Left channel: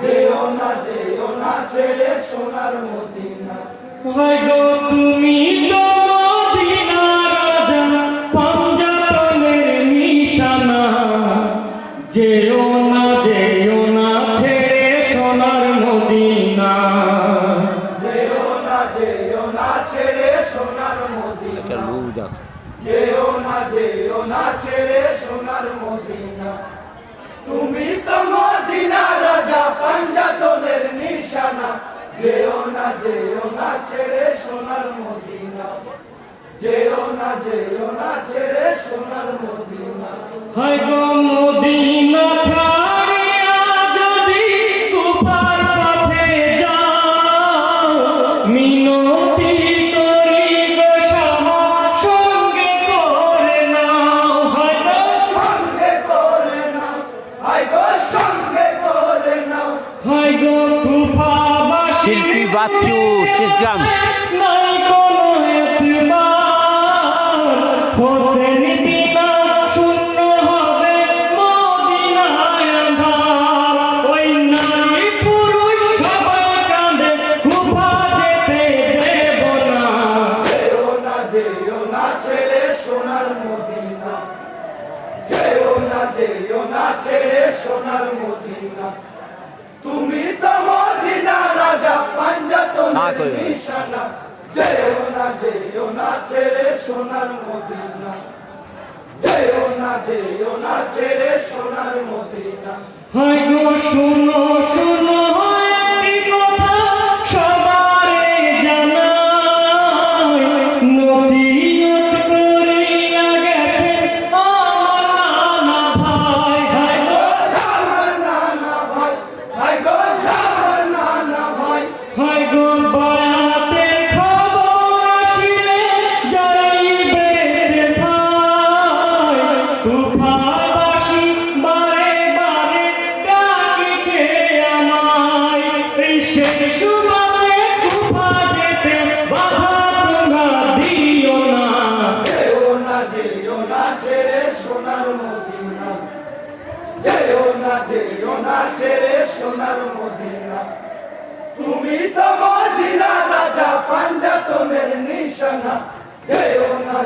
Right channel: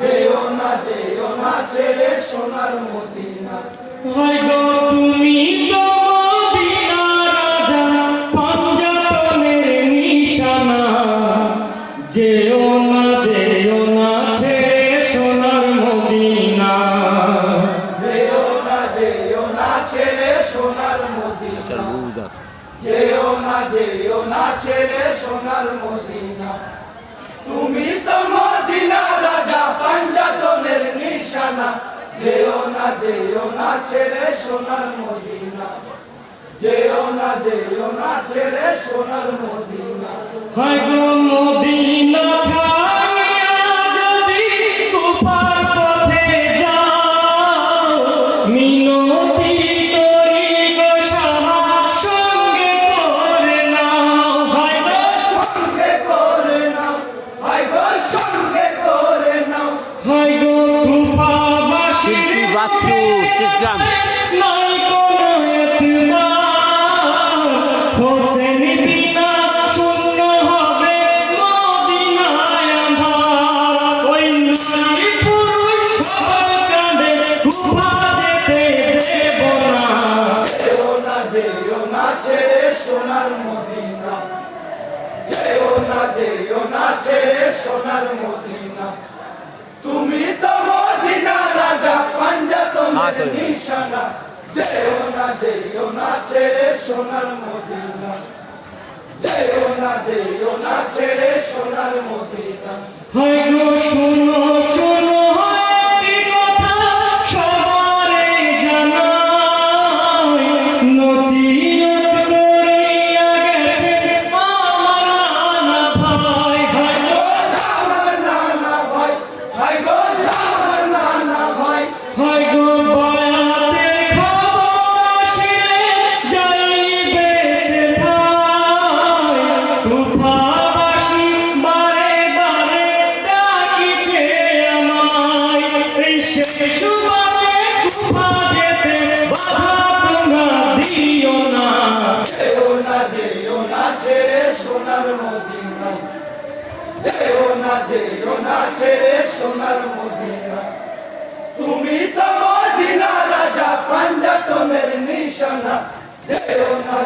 যেও না ছেড়ে সোনার মদিনা। হয় গো তুমি তো মদিনার রাজা, পাঞ্জাতনের নিশানা। যেও না ছেড়ে সোনার মদিনা। যেও না ছেড়ে সোনার মদিনা। যেও না ছেড়ে সোনার মদিনা। তুমি তো মদিনা রাজা, পাঞ্জাতনের নিশানা। যেও না ছেড়ে সোনার মদিনা। যেও না ছেড়ে সোনার মদিনা। হয় গো মদিনা ছাড়িয়া যদি কুফার পথে যাও, মিনতি করি গো সাহা সঙ্গে করে নাও। হয় গো সঙ্গে করে নাও, হায় গো সঙ্গে করে নাও। হয় গো কুফাবাসী শিল্পী বাচ্চু ইসলাম নাই কোনো এতবার, হোসেন বিনা শূন্য হবে মদিনায় আঁধার। ওই নারী পুরুষ সবাই কাঁদে, কুফা যেতে দেব না। যেও না ছেড়ে সোনার মদিনা। যেও না ছেড়ে সোনার মদিনা। তুমি তো মদিনা রাজা, পাঞ্জাতনের নিশানা। যেও না ছেড়ে সোনার মদিনা। যেও না ছেড়ে সোনার মদিনা। হয় গো শোনো শোনো একটি কথা সবারে জানাই, নসিহত করিয়া গেছে আমার নানা ভাই। হয় গো আমার নানা ভাই, হায় গো আমার নানা ভাই। হয় গো বয়াতের খবর আসিলে যাইবে সেথায়, কুফাবাসী বারে বারে ডাকিছে আমায়। এই শেষ সুবাদে কুফা যেতে বাধা তোমরা দিও না। যেও না ছেড়ে সোনার মদিনা। যেও না ছেড়ে সোনার মদিনা। তুমি তো মদিনা রাজা, পাঞ্জাতনের নিশানা। যেও না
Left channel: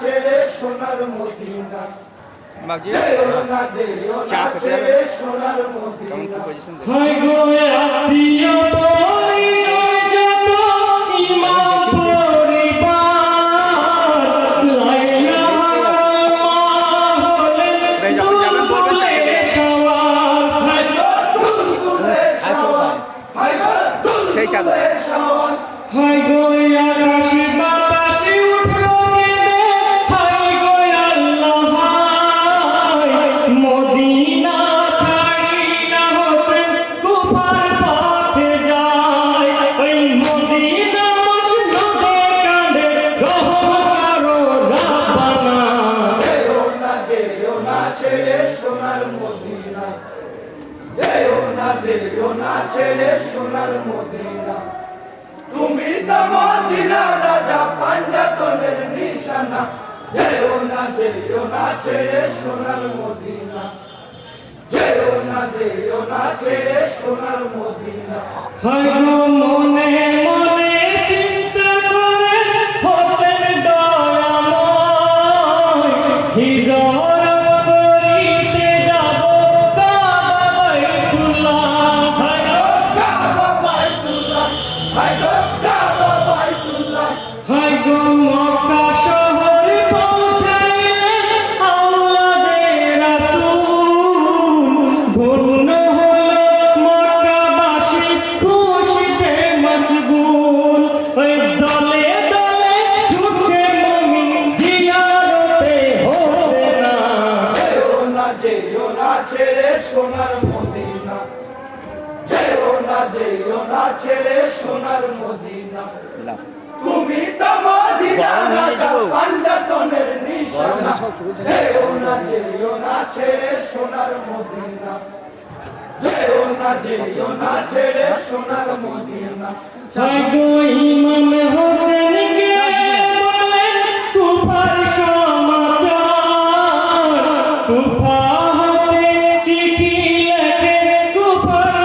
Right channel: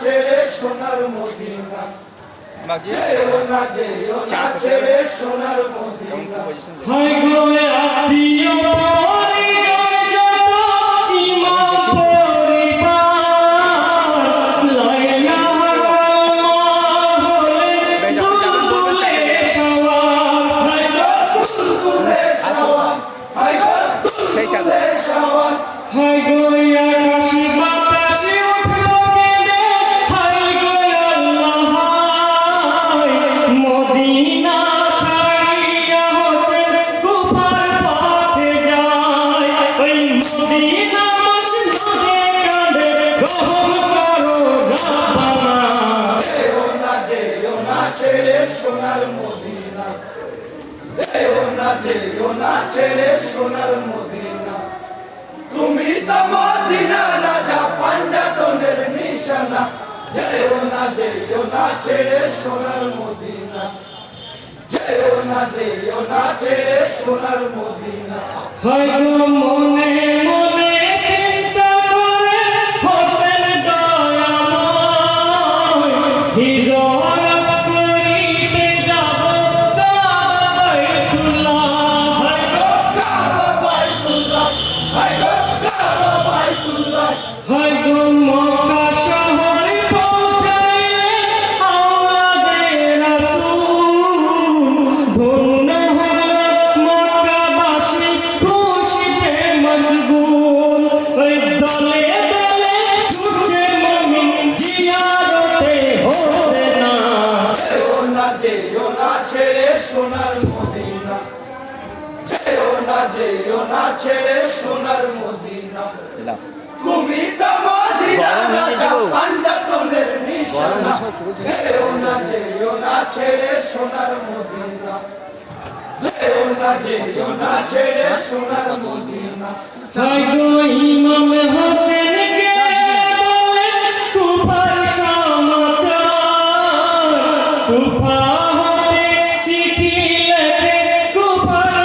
ছেড়ে সোনার মদিনা। যেও না ছেড়ে সোনার মদিনা। হয় গো আত্মীয় পরিজন যত ইমাম পরিবার, লাইলা হলে দুলদুলে সওয়ার। হায় গো দুলদুলে সওয়ার, হায় গো দুলদুলে সওয়ার। হয় গো আকাশে বাতাসে উঠলো কেঁদে, হয় গো আল্লাহ হায়। মদিনা ছাড়িয়া হোসেন কুফার পথে যায়। ওই মদিনা মসজিদে কাঁদে, রহম করো রাব্বানা। যেও না ছেড়ে সোনার মদিনা। যেও না ছেড়ে সোনার মদিনা। তুমি তো মদিনা রাজা, পাঞ্জাতনের নিশানা। যেও না ছেড়ে সোনার মদিনা। যেও না ছেড়ে সোনার মদিনা। হয় গো মনে মনে চিন্তা করে হোসেন দয়াময়, হিজরত করিতে যাব কাবা বাইতুল্লাহ। হয় গো কাবা বাইতুল্লাহ, হায় গো কাবা বাইতুল্লাহ। হয় গো মক্কা শহরে পৌঁছাইলে আওলাদে রাসূল, ধন্য হল মক্কাবাসী খুশিতে মশগুল। ওই দলে দলে ছুটছে মুমিন জিয়ারতে হোসেনা। যেও না ছেড়ে সোনার মদিনা। যেও না ছেড়ে সোনার মদিনা। তুমি তো মদিনা রাজা, পাঞ্জাতনের নিশানা। যেও না ছেড়ে সোনার মদিনা। যেও না ছেড়ে সোনার মদিনা। হয় গো ইমাম হোসেনকে বলে কুফার সমাচার, কুফা হতে চিঠি লেখে কুফার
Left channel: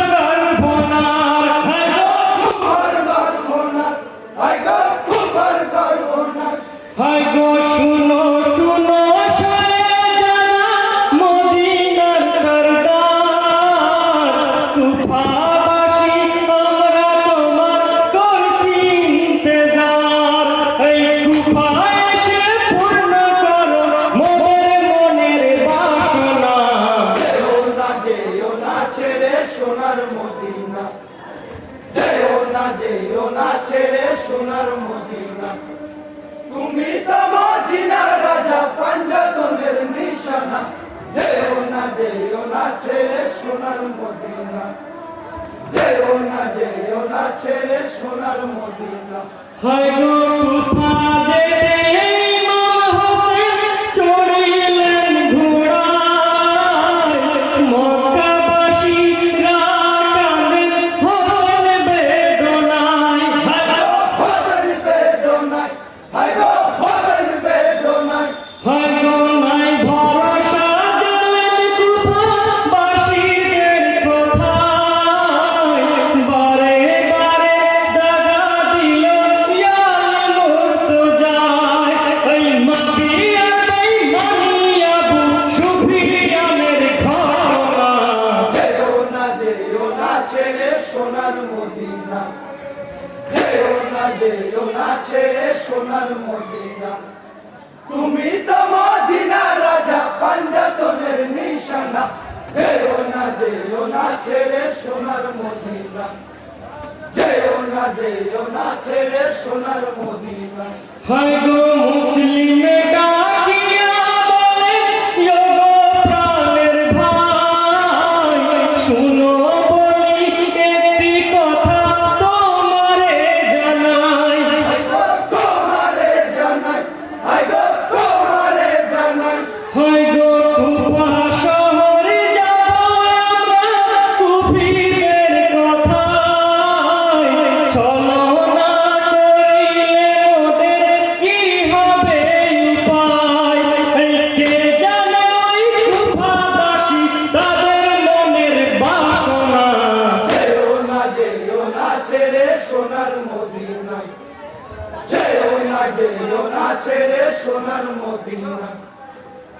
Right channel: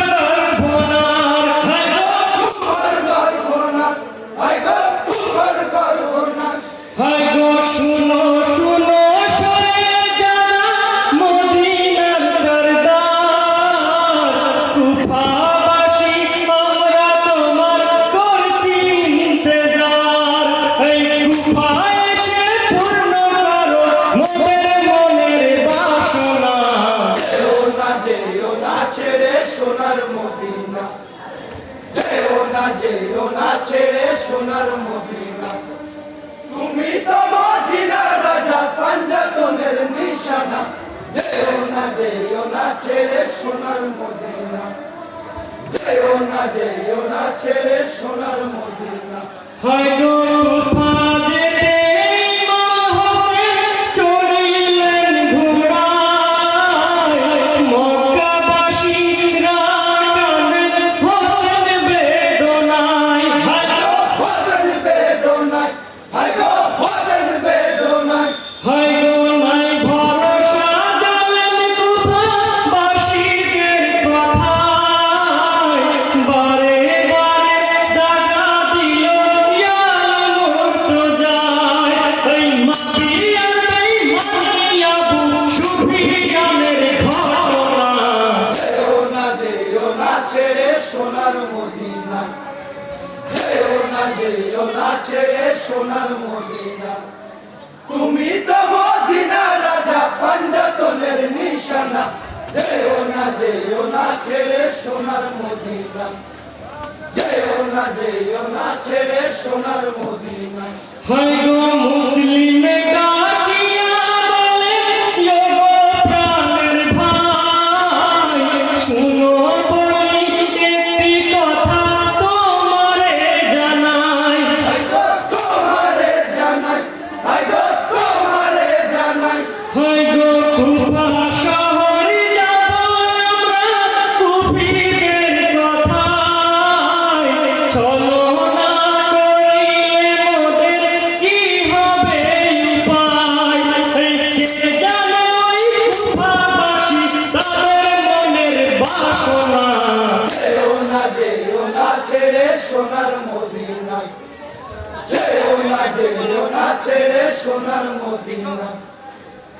কুফাবাসী আমরা তোমার করছি ইন্তজার। এই কুফা এসে পূর্ণ করো মোদের মনের বাসনা। যেও না ছেড়ে সোনার মদিনা, যেও না ছেড়ে সোনার মদিনা। তুমি তো মদিনার রাজা পাঞ্জাতনের নিশানা। যেও না ছেড়ে সোনার মদিনা, যেও না ছেড়ে সোনার মদিনা। হয় গো কুফা যেতে ইমাম হোসেন চড়িলেন ঘোড়ায়। মক্কাবাসীরা কাঁদেন হোসেন বেদনায়। হোসেন বেদনায়, হায় গো হোসেন বেদনায়। হয় গো নাই ভরসা জানেন কুফাবাসীদের কথায়। বারে বারে দাগা দিল ইয়াল মুর্তজায়। ওই মাফিয়ার বেঈমানি আবু সুফিয়ানের ঘটনা। যেও না ছেড়ে সোনার মদিনা, যেও না ছেড়ে সোনার মদিনা। তুমি তো মদিনা রাজা পাঞ্জাতনের নিশানা। যেও না ছেড়ে সোনার মদিনা, যেও না ছেড়ে সোনার মদিনা। হয় গো মুসলিমে ডাকিয়া বলে ও প্রাণের ভাই। শুনো বলি একটি কথা তোমারে জানাই। হায় গো তোমারে জানাই, হায় গো তোমারে জানাই। হয় গো কুফা শহর যাব আমরা কুফিদের কথায়। চলো না করিলে মোদের কি হবে উপায়। এই কে জানে ওই কুফাবাসী তাদের মনের বাসনা। যেও না ছেড়ে সোনার মদিনা, যেও না ছেড়ে সোনার মদিনা।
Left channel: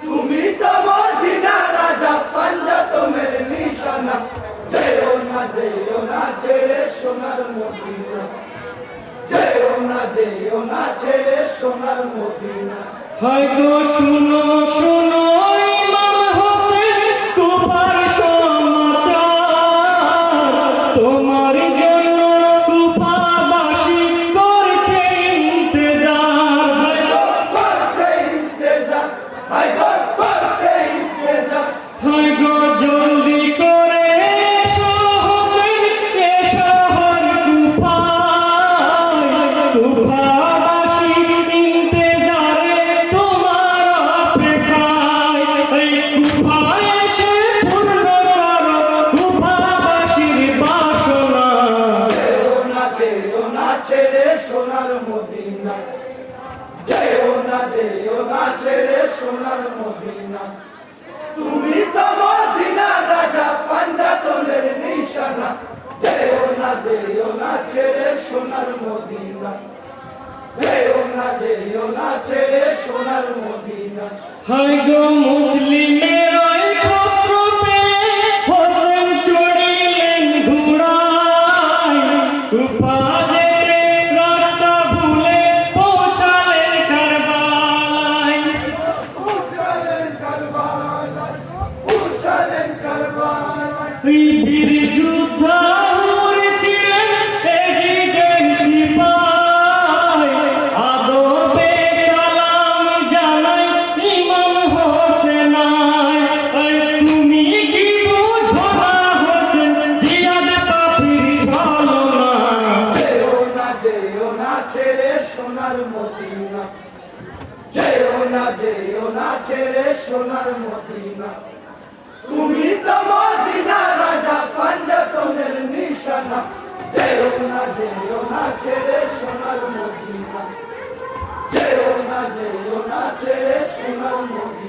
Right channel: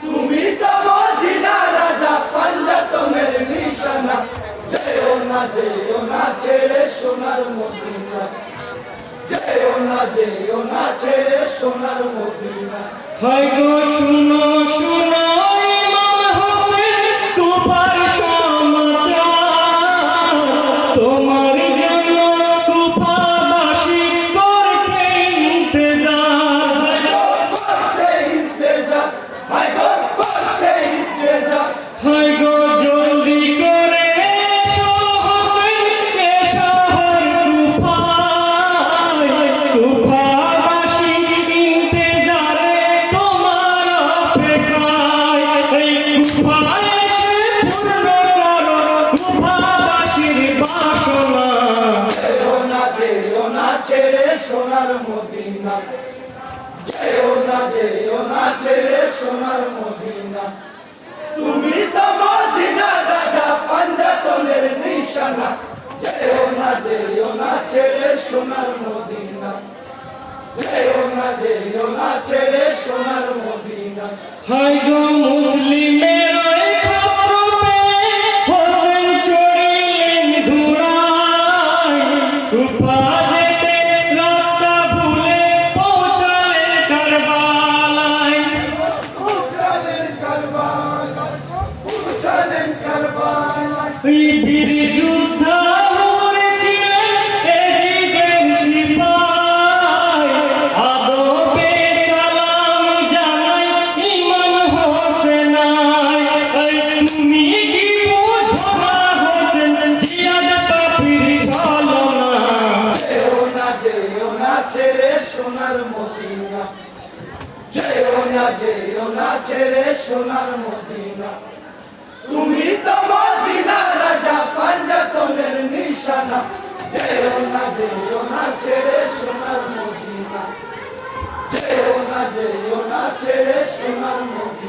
তুমি তো মদিনা রাজা পাঞ্জাতনের নিশানা। যেও না ছেড়ে সোনার মদিনা, যেও না ছেড়ে সোনার মদিনা। হয় গো শুনো শুনো ইমাম হোসেন কুফার সমাচার। তোমার জন্য কুফাবাসী করছে ইন্তজার। করছে ইন্তেজার, হায় গো করছে ইন্তেজার। হয় গো জলদি করে এসো হোসেন এ শহর কুফায়। কুফাবাসী ইন্তজারে তোমার অপেক্ষায়। এই কুফা এসে পূর্ণ করো কুফাবাসীর বাসনা। যেও না ছেড়ে সোনার মদিনা, যেও না ছেড়ে সোনার মদিনা। তুমি তো মদিনা রাজা পাঞ্জাতনের নিশানা। যেও না ছেড়ে সোনার মদিনা, যেও না ছেড়ে সোনার মদিনা। হয় গো মুসলিমের ওই ক্ষত্রপে হোসেন চড়িলেন ঘোড়ায়। কুফা যেতে রাস্তা ভুলে পৌঁছালেন কারবালায়। উঠালেন কারবালায়, উঠালেন কারবালায়। ওই বীর যোদ্ধা মরেছিলেন এজিদের সিপাই। আদবে সালাম জানাই ইমাম হোসেনায়। ওই তুমি কি বোঝো না হোসেন জিয়াদ পাপির ছলনা। যেও না ছেড়ে সোনার মদিনা, যেও না ছেড়ে সোনার মদিনা। তুমি তো মদিনা রাজা পাঞ্জাতনের নিশানা। যেও না ছেড়ে সোনার মদিনা, যেও না ছেড়ে সোনার মদিনা।